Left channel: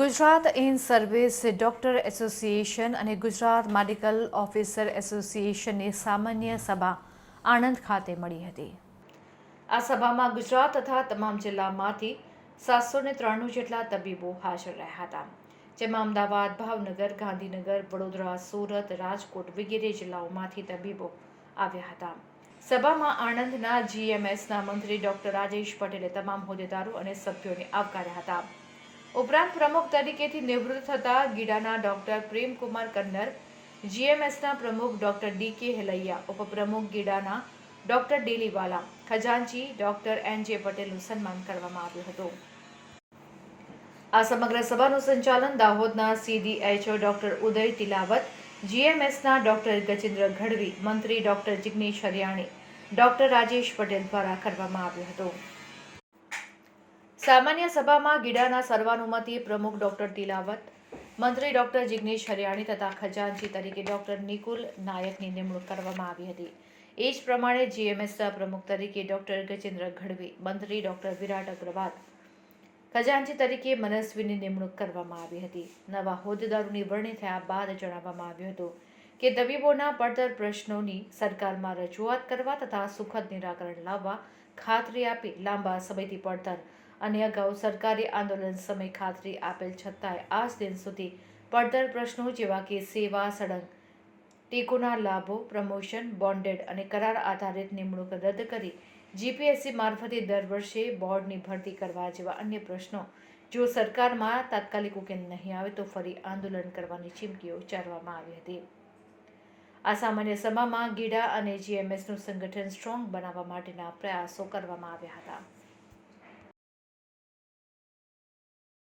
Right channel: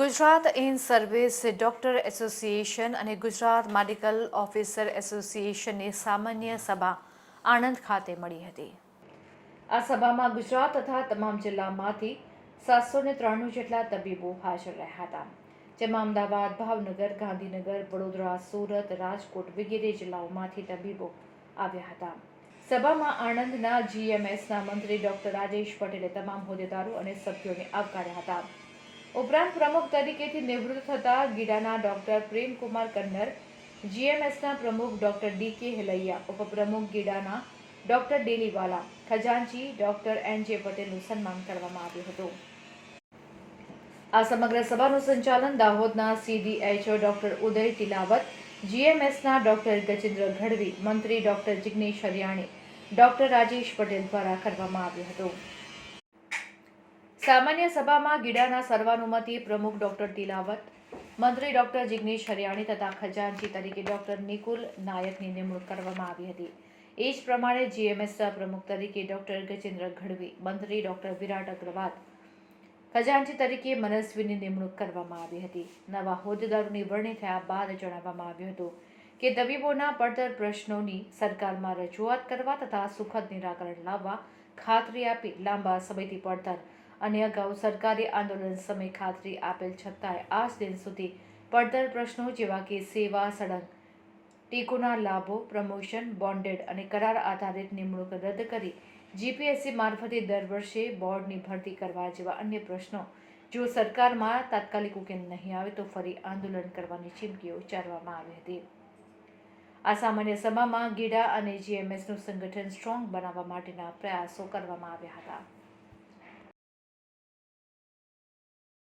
Gujarat in service doctor association અને Gujarat medical officer એસોસિએશનની સામાન્ય સભા આણંદ ખાતે મળી હતી. આ સભામાં ગુજરાત તથા તમામ જિલ્લામાંથી સાતસો ને ત્રાણું જેટલા તબીબો હાજર રહ્યા હતા, જેમાં અમદાવાદ, ભાવનગર, ગાંધીનગર, વડોદરા, સુરત, રાજકોટ વગેરે જિલ્લાઓમાંથી તબીબો આવ્યા હતા. સભામાં આણંદના જીએમએસના મંત્રી ડોક્ટર રાજેશ પટેલે તમામ હોદ્દેદારો અને સભ્યોને આવકાર્યા હતા. ઉપરાંત પ્રમુખ તરીકેથી નિવૃત્ત થતા ગીડાના ડોક્ટર પ્રેમકુમાર કન્નર, જીએમએસના પ્રમુખ ડોક્ટર ડી કે હેલૈયા, ઉપપ્રમુખ ગીડાના ડોક્ટર ડેલીવાલા, ખજાનચી ડોક્ટર એન જે પટેલનું સન્માન કરવામાં આવ્યું હતું. આ સમગ્ર સભાનું સંચાલન દાહોદના સીડીએચઓ ડોક્ટર ઉદય તિલાવત જીએમએસના ડોક્ટર ગજેન્દ્ર ગઢવી, મંત્રી ડોક્ટર જિગ્નેશ હરિયાણી ડોક્ટર રાજેશ પટેલ દ્વારા કરવામાં આવ્યું હતું. સામાન્ય સભામાં ગીડાના સર્વાનુમતિ પ્રમુખ ડોક્ટર તિલાવત, મંત્રી ડોક્ટર જિગ્નેશ હરિયાણી તથા ખજાનચી તરીકે ડોક્ટર નિકુલ નાયકની નિમણૂક કરવામાં આવી હતી. એ જ પ્રમાણે જીએમએસના પ્રમુખ તરીકે ડોક્ટર ગજેન્દ્ર ગઢવી, મંત્રી ડોક્ટર વિરાટ અગ્રવાલ ખજાનચી તરીકે મનસ્વીની નિમણૂક કરવામાં આવી હતી. નવા હોદ્દેદારોની વરણી થયા બાદ જણાવવામાં આવ્યું હતું કે તબીબોના પડતર પ્રશ્નોની સરકારમાં રજૂઆત કરવા તથા સુખદ નિરાકરણ લાવવા ખાતરી આપી લાંબા સમયથી પડતર અને અગાઉ સરકારી આંદોલન સમય ખાતરી આપેલ છતાંય આજ દિન સુધી પડતર પ્રશ્નો જેવા કે સેવા સળંગ ટેકોના લાભો, પ્રમોશન, બોન્ડેડ અને કરાર આધારિત નિમણૂક રદ કરી જીપીએસસી મારફતે દર વર્ષે બોર્ડની ભરતી કરવા જેવા અન્ય પ્રશ્નો. જો સરકારમાં તાત્કાલિક ઉકેલ નહીં આવે તો ફરી આંદોલન કરવાની ચીમકીઓ ઉચ્ચારવામાં આવી હતી. આ સામાન્ય સભામાં ગીડા અને જીએમએસનું સંગઠન સ્ટ્રોંગ બનાવવા માટેના પ્રયાસો કરવામાં આવ્યા હતા.